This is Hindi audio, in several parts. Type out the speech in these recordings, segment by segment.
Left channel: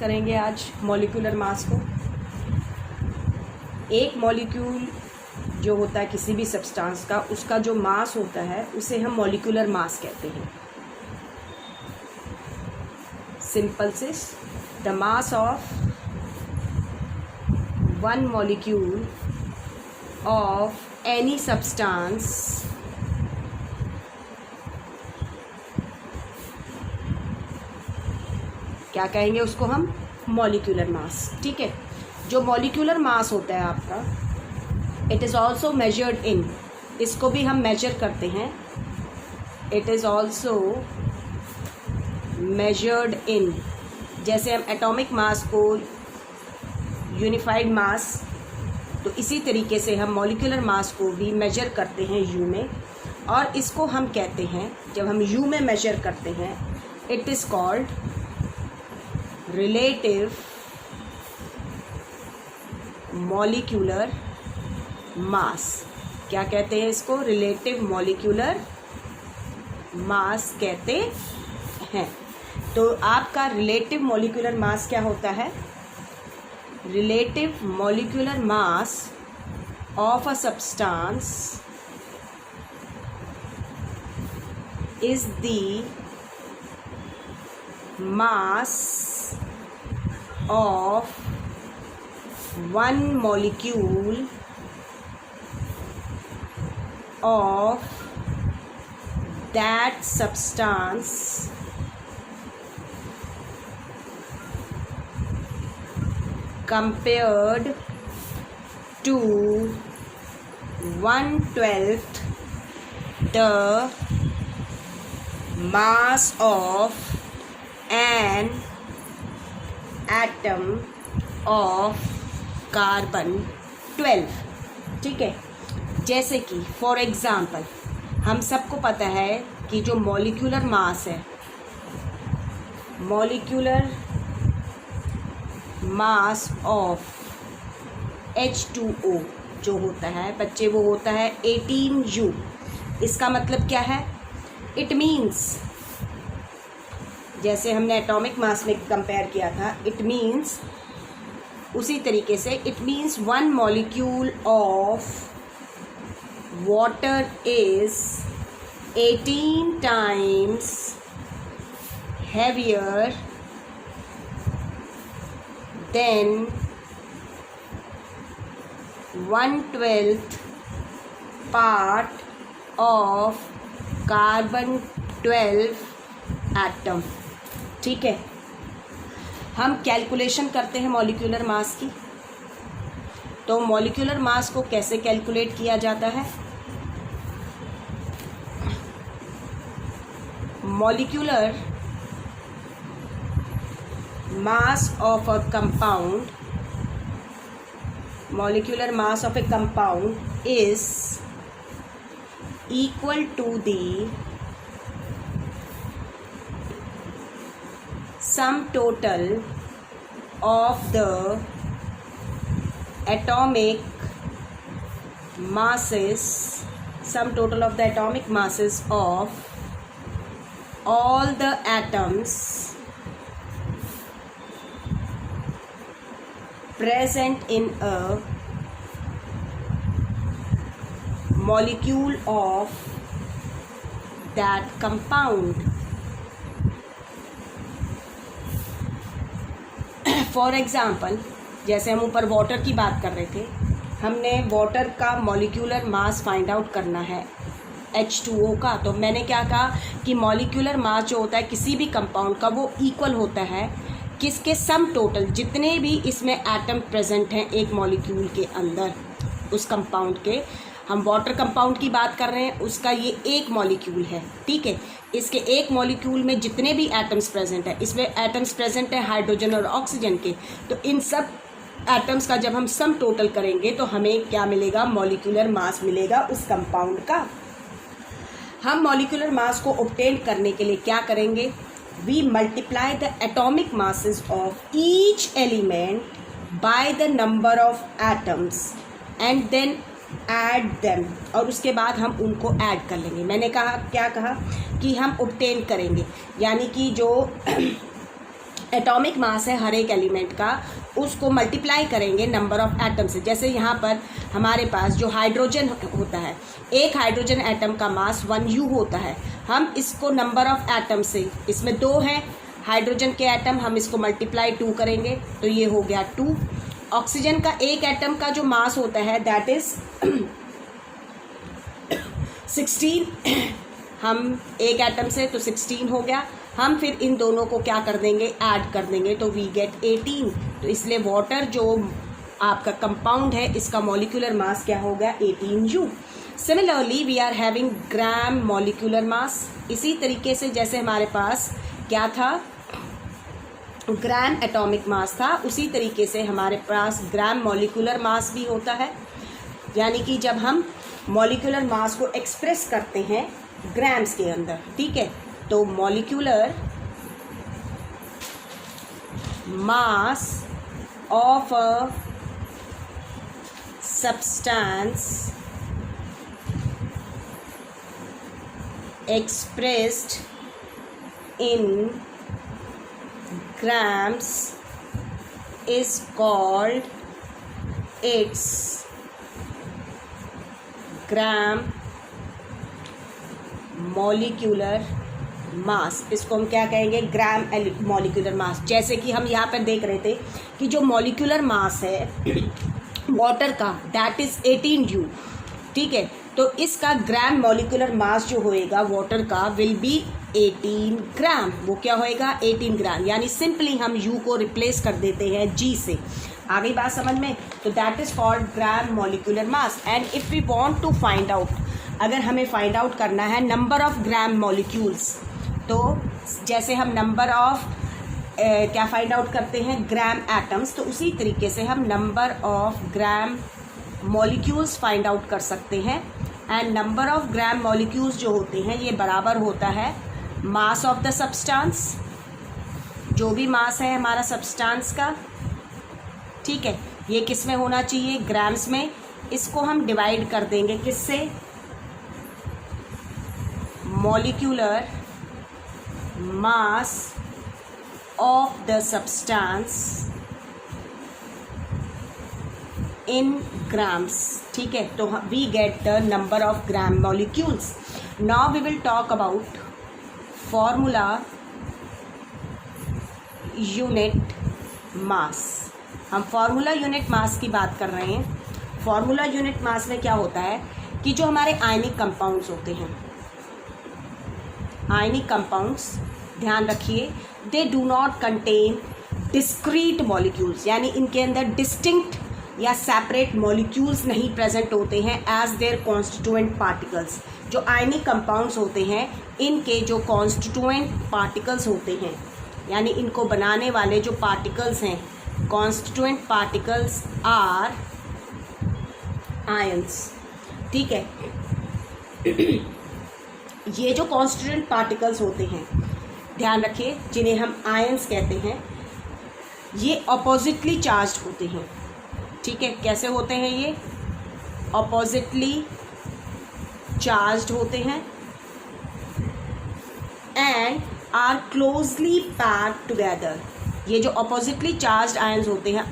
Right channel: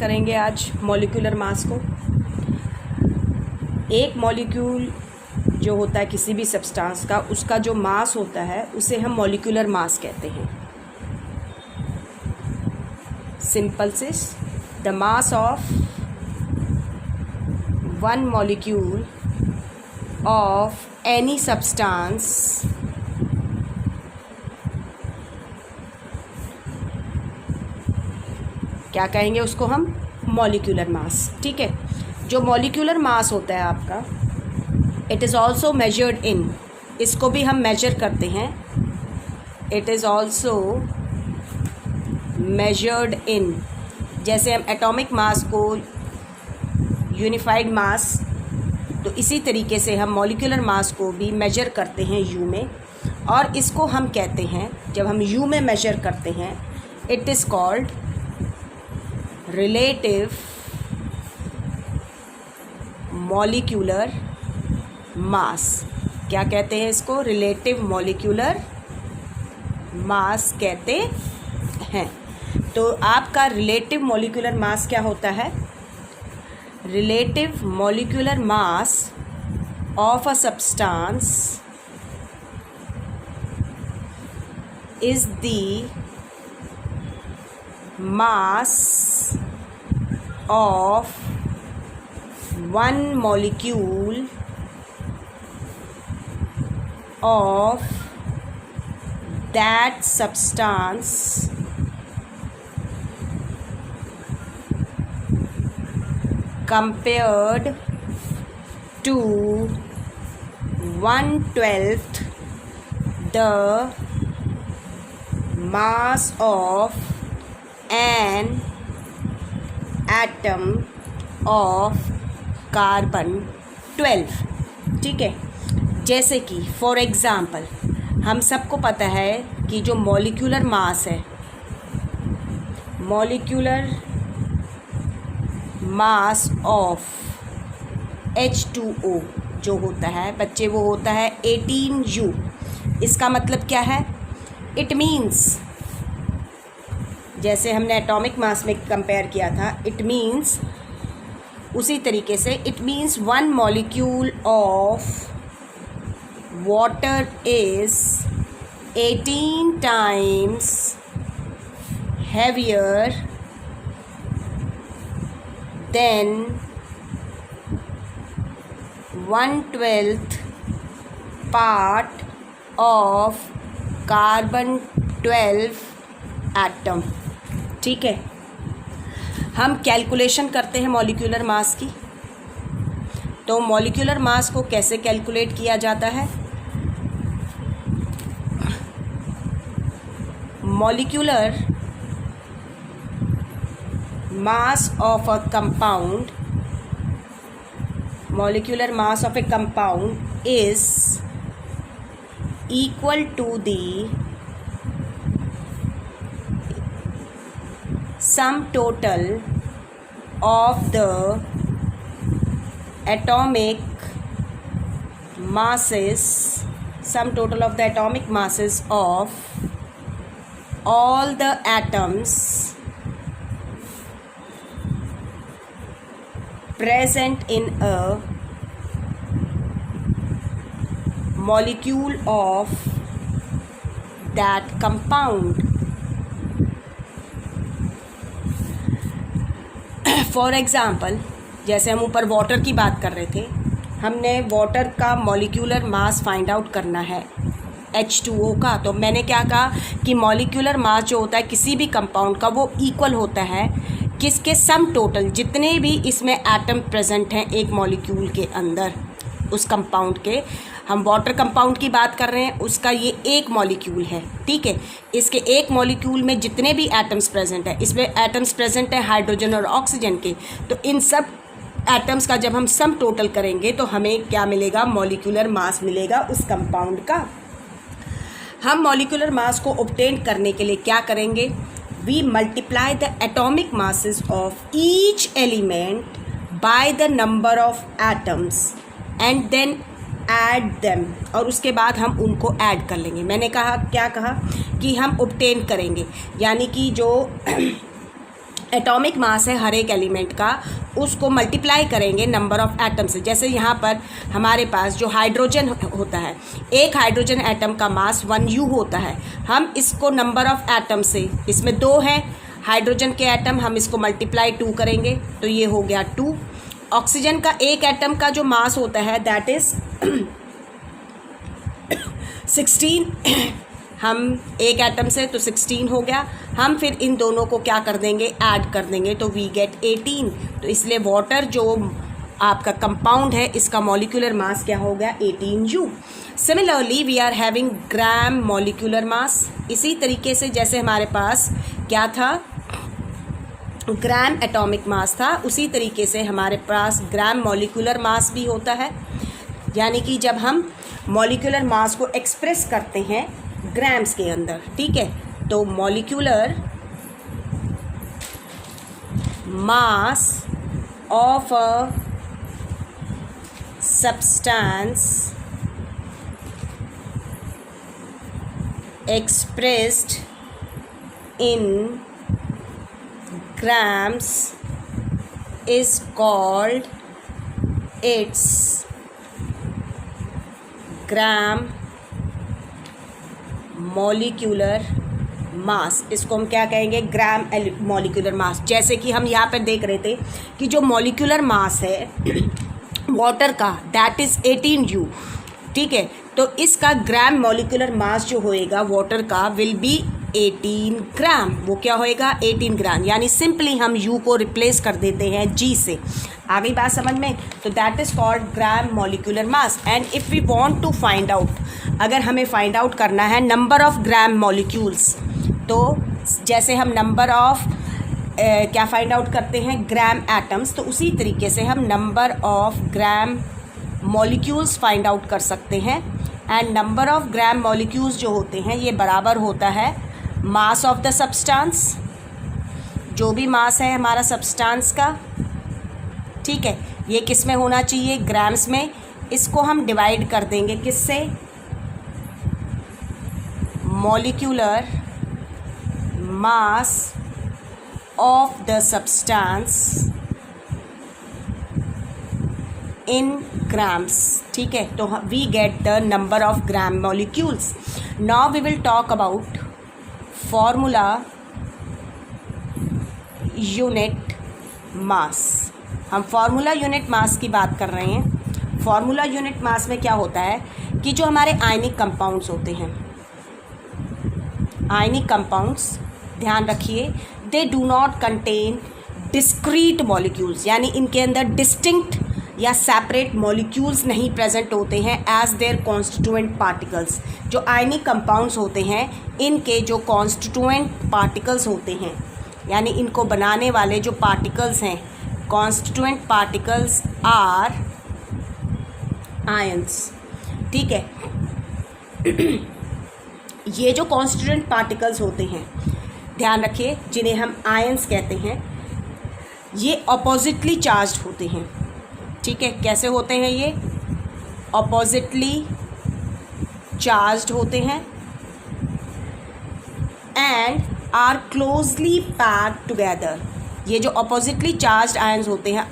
करेंगे आज मॉलिक्यूलर मास को। एक मॉलिक्यूल जो होता है किसी भी सब्सटेंस का, उसका जो मास होता है उसे हम मॉलिक्यूलर मास कहते हैं। सिंपल से the mass of one molecule of any substance क्या कहेंगे उसको हम? Molecular mass. ठीक है, जो मॉलिक्यूलर मास होता है आपका, it is also measured in, इसको भी हम मेजर करते हैं। It is also measured in, जैसे हम एटॉमिक मास को यूनिफाइड मास, तो इसी तरीके से हम मॉलिक्यूलर मास को भी मेजर करते हैं यू में। और इसको हम कहते हैं, जब हम यू में मेजर करते हैं, it is called relative molecular mass. क्या कहते हैं इसको? रिलेटिव मॉलिक्यूलर मास कहते हैं। तो आपका रिलेटिव मॉलिक्यूलर मास क्या होता है? Relative molecular mass of a substance is the mass of one molecule of that substance compared to 1/12 the mass of an atom of carbon 12। ठीक है, जैसे कि फॉर एग्ज़ाम्पल हम सबको पता है कि जो मॉलिक्यूलर मास है, मॉलिक्यूलर मास ऑफ H2O जो होता है बच्चे, वो होता है 18U। इसका मतलब क्या है? इट मीन्स, जैसे हमने एटॉमिक मास में कंपेयर किया था, इट मीन्स उसी तरीके से it means one molecule of water is 18 times heavier than 1/12 part of carbon 12 atom. ठीक है, हम कैलकुलेशन करते हैं मॉलिक्यूलर मास की। तो मॉलिक्यूलर मास को कैसे कैलकुलेट किया जाता है? Molecular mass of a compound, molecular mass of a compound is equal to the sum total of the atomic masses, sum total of the atomic masses of all the atoms present in a molecule of that compound। For example, जैसे हम ऊपर वाटर की बात कर रहे थे, हमने वाटर का मॉलिक्यूलर मास फाइंड आउट करना है H2O का। तो मैंने क्या कहा कि मॉलिक्यूलर मास जो होता है किसी भी कंपाउंड का, वो इक्वल होता है किसके? सम टोटल, जितने भी इसमें एटम प्रेजेंट हैं एक मॉलिक्यूल के अंदर, उस कंपाउंड के। हम वाटर कंपाउंड की बात कर रहे हैं, उसका ये एक मॉलिक्यूल है। ठीक है, इसके एक मॉलिक्यूल में जितने भी एटम्स प्रेजेंट हैं, इसमें एटम्स प्रेजेंट है हाइड्रोजन और ऑक्सीजन के, तो इन सब एटम्स का जब हम सम टोटल करेंगे तो हमें क्या मिलेगा? मॉलिक्यूलर मास मिलेगा उस कंपाउंड का। हम मॉलिक्यूलर मास को ऑब्टेन करने के लिए क्या करेंगे? We multiply the atomic masses of each element by the number of atoms and then add them, और उसके बाद हम उनको ऐड कर लेंगे। मैंने कहा, क्या कहा कि हम ऑब्टेन करेंगे, यानी कि जो एटॉमिक मास है हर एक एलिमेंट का, उसको मल्टीप्लाई करेंगे नंबर ऑफ एटम से। जैसे यहाँ पर हमारे पास जो हाइड्रोजन होता है, एक हाइड्रोजन एटम का मास 1U होता है। हम इसको नंबर ऑफ एटम से, इसमें 2 हैं हाइड्रोजन के एटम, हम इसको मल्टीप्लाई 2 करेंगे तो ये हो गया 2। ऑक्सीजन का एक एटम का जो मास होता है दैट इज़ 16। हम एक एटम से तो 16 हो गया। हम फिर इन दोनों को क्या कर देंगे, ऐड कर देंगे तो वी गेट 18। तो इसलिए वाटर जो आपका कंपाउंड है इसका मॉलिक्यूलर मास क्या हो गया, 18U। Similarly we are having gram molecular mass. इसी तरीके से जैसे हमारे पास क्या था, ग्राम एटॉमिक मास था, उसी तरीके से हमारे पास ग्राम मॉलिक्यूलर मास भी होता है। यानी कि जब हम मॉलिक्यूलर मास को एक्सप्रेस करते हैं ग्राम्स के अंदर, ठीक है, तो molecular mass of a substance expressed in grams is called its gram molecular मास। इसको हम क्या कहेंगे, ग्राम मॉलिक्यूलर मास। जैसे कि हम यहाँ पर देख रहे थे कि जो मॉलिक्यूलर मास है वाटर का दैट इज़ 18U, ठीक है, तो इसका ग्राम मॉलिक्यूलर मास जो होएगा वाटर का विल बी 18 ग्राम। वो क्या होएगा, 18 ग्राम। यानी सिंपली हम U को रिप्लेस कर देते हैं G से। आ गई बात समझ में? तो that is called gram molecular mass. And if we want to find out, अगर हमें फाइंड आउट करना है नंबर ऑफ ग्राम मॉलिक्यूल्स, तो जैसे हम नंबर ऑफ क्या फाइंड आउट करते हैं, ग्राम एटम्स, तो उसी तरीके से हम number of gram molecules find out कर सकते हैं। And number of gram molecules जो होते हैं ये बराबर होता है मास ऑफ द सब्सटेंस, जो भी मास है हमारा सब्सटेंस का, ठीक है, ये किस में होना चाहिए, ग्राम्स में। इसको हम डिवाइड कर देंगे किससे, molecular mass of the substance in grams, ठीक है। तो we get the number of gram molecules. Now we will talk about formula unit mass. हम फार्मूला यूनिट मास की बात कर रहे हैं। फार्मूला यूनिट मास में क्या होता है कि जो हमारे आयनिक कंपाउंड्स होते हैं, आयनिक कंपाउंड्स, ध्यान रखिए, they do not contain discrete molecules, यानी इनके अंदर डिस्टिंक्ट या सेपरेट मॉलिक्यूल्स नहीं प्रेजेंट होते हैं एज देयर कॉन्स्टिट्यूएंट पार्टिकल्स। जो आयनिक कंपाउंड्स होते हैं इनके जो कॉन्स्टिट्यूएंट पार्टिकल्स होते हैं, यानी इनको बनाने वाले जो पार्टिकल्स हैं, कॉन्स्टिट्यूएंट पार्टिकल्स आर आयंस, ठीक है। ये जो कॉन्स्टिट्यूएंट पार्टिकल्स होते हैं, ध्यान रखिए, जिन्हें हम आयंस कहते हैं, ये अपोजिटली चार्ज्ड होते हैं, ठीक है। कैसे होते हैं ये, अपोजिटली चार्ज्ड होते हैं and are closely packed together. ये जो अपोजिटली चार्ज्ड आयंस होते हैं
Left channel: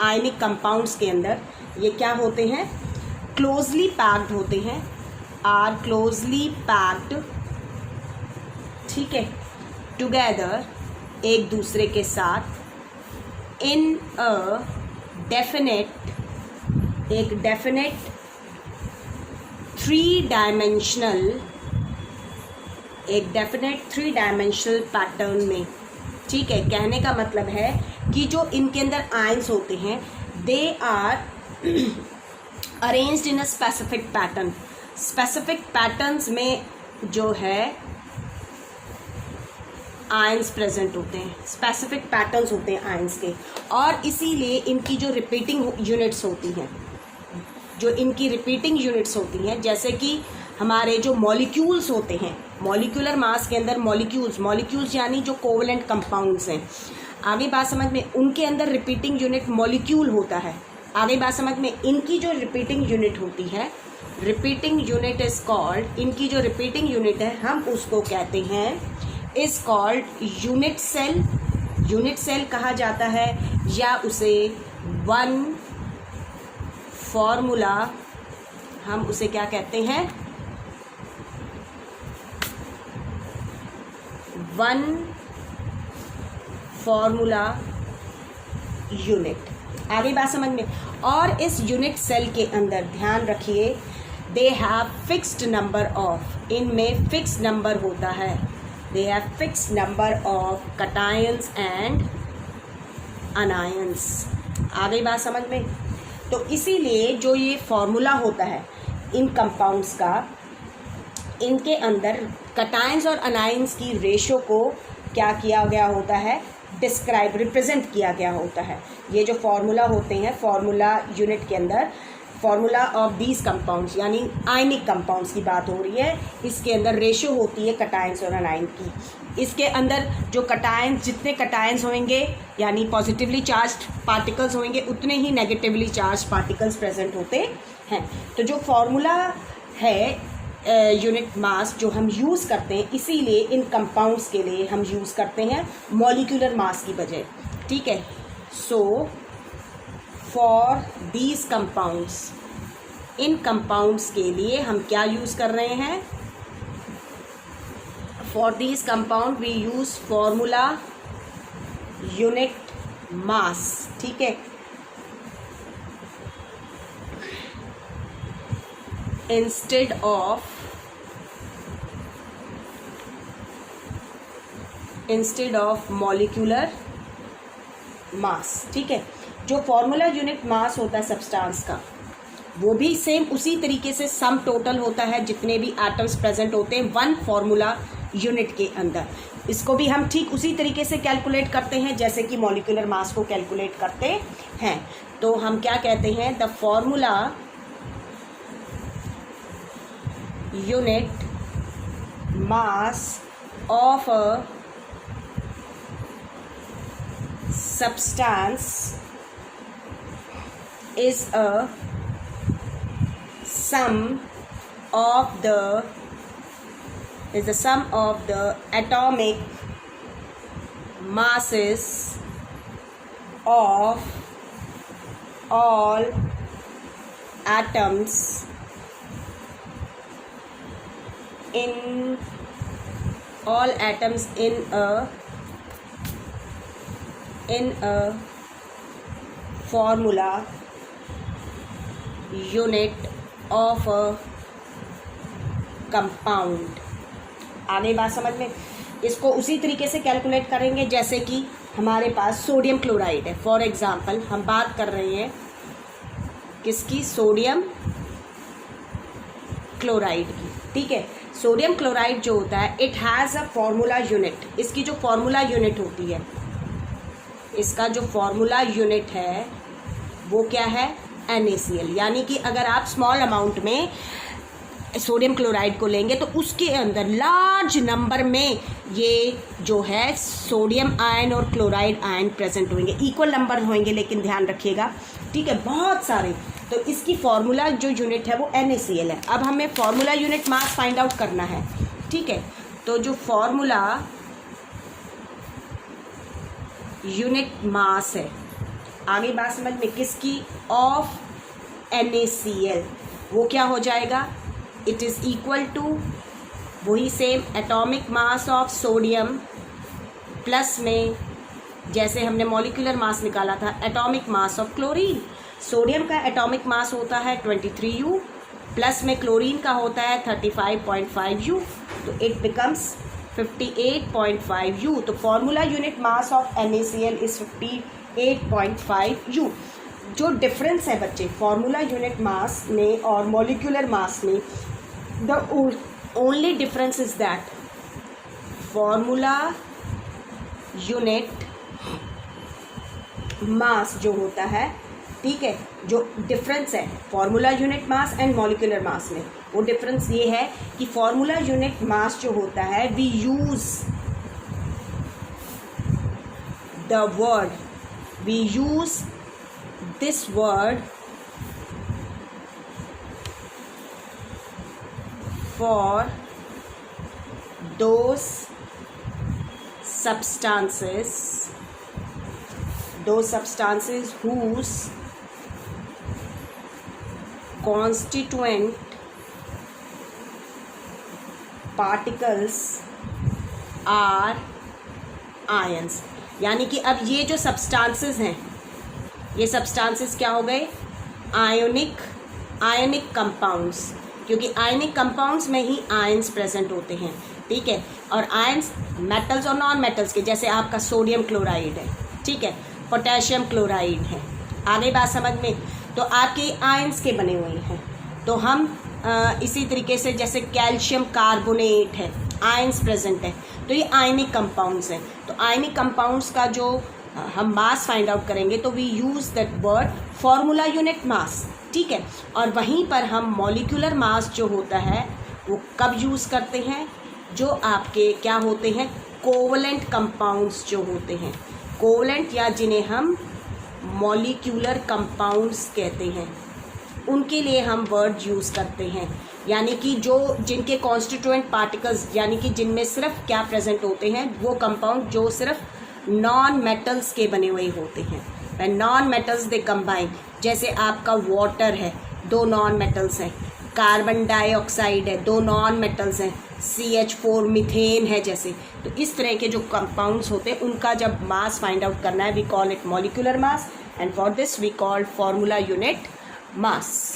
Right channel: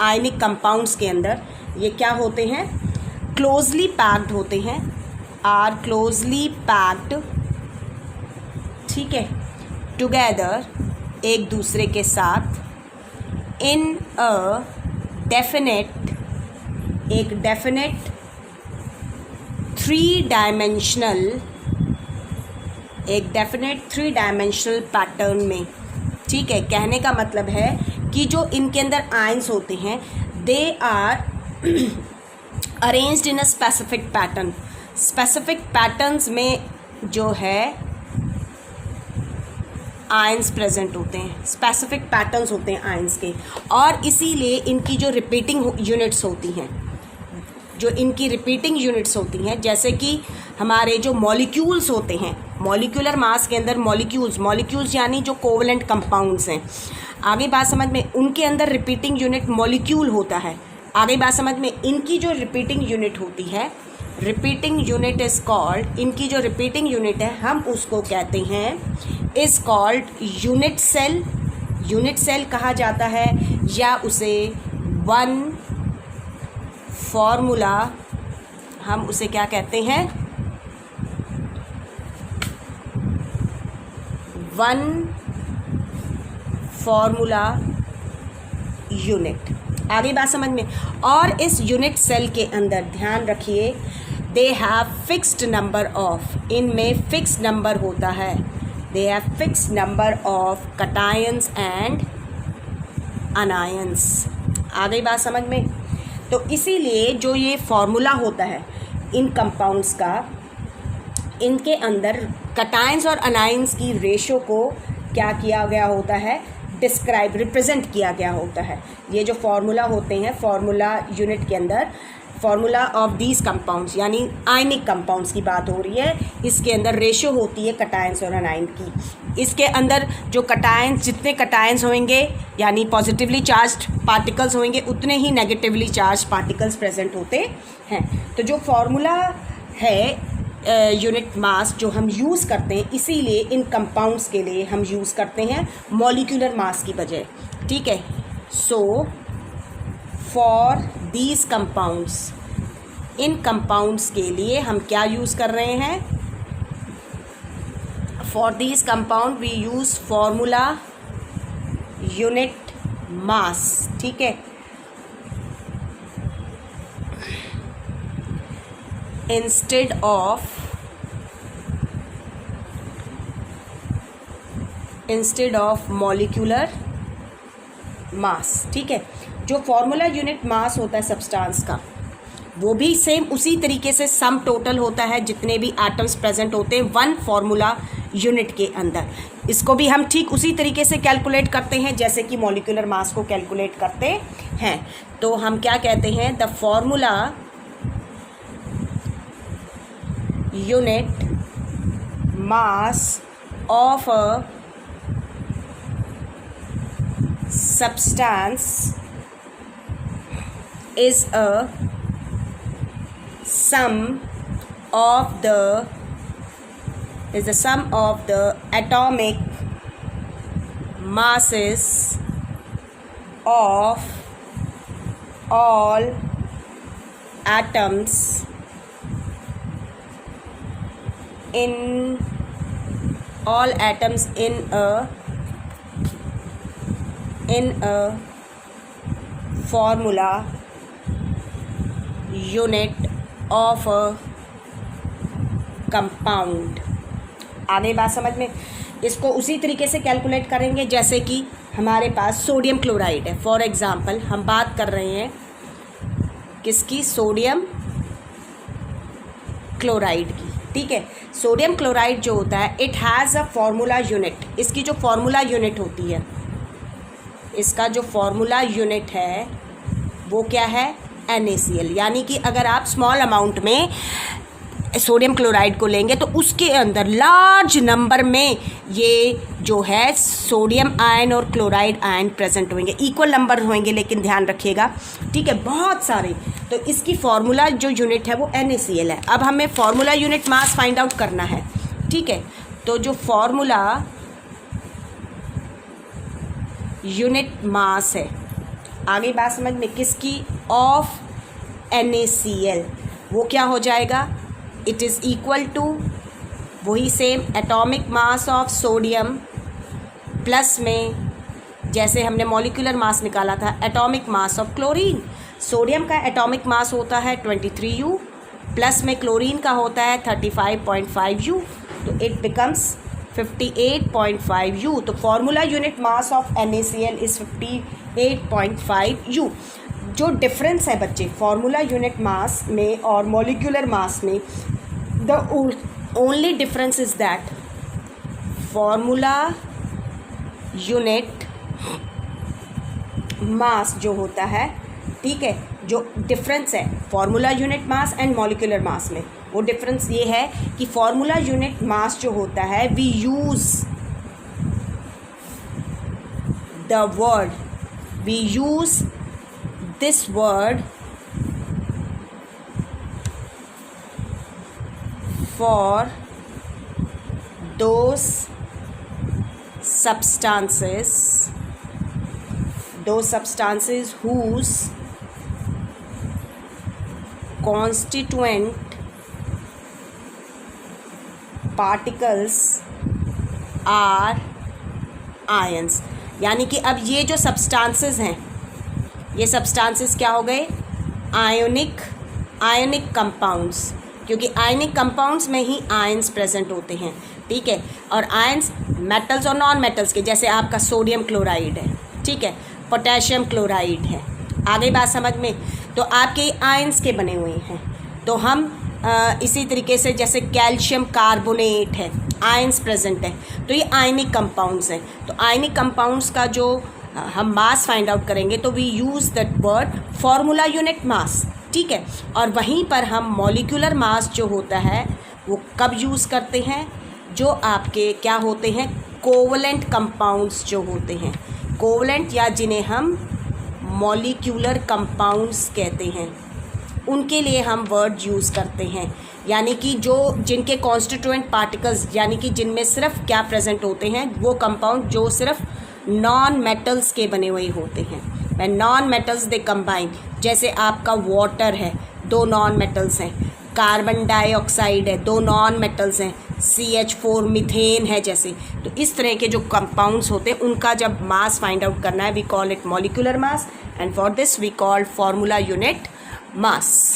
आयनिक कंपाउंड्स के अंदर, ये क्या होते हैं, क्लोजली पैक्ड होते हैं, आर क्लोजली पैक्ड, ठीक है, टुगेदर, एक दूसरे के साथ, इन अ डेफिनेट, एक डेफिनेट थ्री डायमेंशनल, एक डेफिनेट थ्री डायमेंशनल पैटर्न में, ठीक है। कहने का मतलब है कि जो इनके अंदर आयंस होते हैं they are arranged in a specific pattern. Specific patterns में जो है आयंस प्रेजेंट होते हैं, स्पेसिफिक पैटर्न्स होते हैं आयंस के, और इसीलिए इनकी जो रिपीटिंग यूनिट्स होती हैं, जो इनकी रिपीटिंग यूनिट्स होती हैं, जैसे कि हमारे जो मॉलिक्यूल्स होते हैं, मॉलिक्यूलर मास के अंदर मॉलिक्यूल्स यानी जो कोवलेंट कंपाउंड्स हैं, आगे बात समझ में, उनके अंदर रिपीटिंग यूनिट मॉलिक्यूल होता है। आगे बात समझ में, इनकी जो रिपीटिंग यूनिट होती है, रिपीटिंग यूनिट इज कॉल्ड, इनकी जो रिपीटिंग यूनिट है हम उसको कहते हैं, is called unit cell unit cell कहा जाता है, या उसे वन फॉर्मूला, हम उसे क्या कहते हैं, वन फॉर्मूला यूनिट। आगे बात समझ में। और इस यूनिट सेल के अंदर ध्यान रखिए, they have fixed number of, इनमें फिक्स नंबर होता है, they have fixed number of cations and anions. आ गई बात समझ में। तो इसीलिए जो ये फॉर्मूला होता है इन कंपाउंड्स का, इनके अंदर कटायंस और अनायंस की रेशो को क्या किया गया होता है, डिस्क्राइब, रिप्रेजेंट किया गया होता है। ये जो फार्मूला होते हैं, फार्मूला यूनिट के अंदर फार्मूला ऑफ दीज कंपाउंड्स, यानी आयनिक कंपाउंड्स की बात हो रही है, इसके अंदर रेशो होती है कटायंस और अनायन की। इसके अंदर जो कटायंस, जितने कटायंस होंगे यानी पॉजिटिवली चार्ज्ड पार्टिकल्स होंगे, उतने ही नेगेटिवली चार्ज पार्टिकल्स प्रेजेंट होते हैं। तो जो फार्मूला है यूनिट मास जो हम यूज़ करते हैं, इसीलिए इन कंपाउंड्स के लिए हम यूज़ करते हैं मॉलिक्यूलर मास की बजाय। ठीक है। सो फॉर दीज कंपाउंड्स, इन कंपाउंड्स के लिए हम क्या यूज़ कर रहे हैं, for these compound we use formula unit mass. ठीक है। Instead of molecular mass. ठीक है। जो फॉर्मूला यूनिट मास होता है सब्सटेंस का, वो भी सेम उसी तरीके से सम टोटल होता है जितने भी एटम्स प्रेजेंट होते हैं वन फॉर्मूला यूनिट के अंदर। इसको भी हम ठीक उसी तरीके से कैलकुलेट करते हैं जैसे कि मॉलिक्यूलर मास को कैलकुलेट करते हैं। तो हम क्या कहते हैं, the formula unit mass of a substance is a sum of the atomic masses of all atoms in a formula unit of a compound। आगे बात समझ में। इसको उसी तरीके से कैलकुलेट करेंगे जैसे कि हमारे पास सोडियम क्लोराइड है। फॉर एग्जांपल हम बात कर रहे हैं किसकी, सोडियम क्लोराइड की। ठीक है। सोडियम क्लोराइड जो होता है, it has a formula unit. इसकी जो फॉर्मूला यूनिट होती है, इसका जो फॉर्मूला यूनिट है वो क्या है, NaCl। यानी कि अगर आप स्मॉल अमाउंट में सोडियम क्लोराइड को लेंगे तो उसके अंदर लार्ज नंबर में ये जो है सोडियम आयन और क्लोराइड आयन प्रेजेंट होंगे, इक्वल नंबर होंगे, लेकिन ध्यान रखिएगा। ठीक है, बहुत सारे। तो इसकी फॉर्मूला जो यूनिट है वो NaCl है। अब हमें formula unit mass find out करना है। ठीक है। तो जो फॉर्मूला यूनिट मास है, आगे बात समझ में, किसकी, ऑफ NaCl, वो क्या हो जाएगा, इट इज़ इक्वल टू वही same atomic mass of sodium plus में जैसे हमने मॉलिक्यूलर मास निकाला था atomic mass of chlorine. Sodium का एटॉमिक मास होता है 23U, प्लस में क्लोरीन का होता है 35.5U, तो इट बिकम्स 58.5U। तो formula unit mass of NaCl is 58.5U। जो डिफरेंस है बच्चे फॉर्मूला यूनिट मास में और मॉलिक्यूलर मास में, the only difference is that formula unit मास जो होता है, ठीक है, जो डिफरेंस है formula unit mass and molecular mass में, वो डिफरेंस ये है कि फॉर्मूला यूनिट मास जो होता है, we use this word for those substances those substances whose constituent particles are ions। यानी कि अब ये जो सब्सटेंसेस हैं, ये सब्सटेंसेस क्या हो गए? आयनिक कंपाउंड्स, क्योंकि आयनिक कंपाउंड्स में ही आयंस प्रेजेंट होते हैं, ठीक है। और आयंस मेटल्स और नॉन मेटल्स के, जैसे आपका सोडियम क्लोराइड है, ठीक है, पोटेशियम क्लोराइड है, आगे बात समझ में। तो आपके आयंस के बने हुए हैं। तो हम इसी तरीके से जैसे कैल्शियम कार्बोनेट है, आयंस प्रेजेंट है, तो ये आयनिक कंपाउंड्स हैं। तो आयनिक कंपाउंड्स का जो हम मास फाइंड आउट करेंगे तो we use that word formula unit mass, ठीक है। और वहीं पर हम मॉलिक्यूलर मास जो होता है वो कब यूज़ करते हैं? जो आपके क्या होते हैं? कोवलेंट कंपाउंड्स जो होते हैं, कोवलेंट या जिन्हें हम मॉलिक्यूलर कंपाउंड्स कहते हैं, उनके लिए हम वर्ड यूज़ करते हैं। यानी कि जो जिनके कॉन्स्टिट्यूएंट पार्टिकल्स, यानी कि जिनमें सिर्फ क्या प्रेजेंट होते हैं? वो कंपाउंड जो सिर्फ नॉन मेटल्स के बने हुए होते हैं। नॉन मेटल्स दे कंबाइन, जैसे आपका वाटर है, 2 नॉन मेटल्स हैं, कार्बन डाइऑक्साइड है, 2 नॉन मेटल्स हैं, CH4 मीथेन है जैसे। तो इस तरह के जो कंपाउंड्स होते हैं उनका जब मास फाइंड आउट करना है, we call it molecular mass, and for this we call formula unit mass.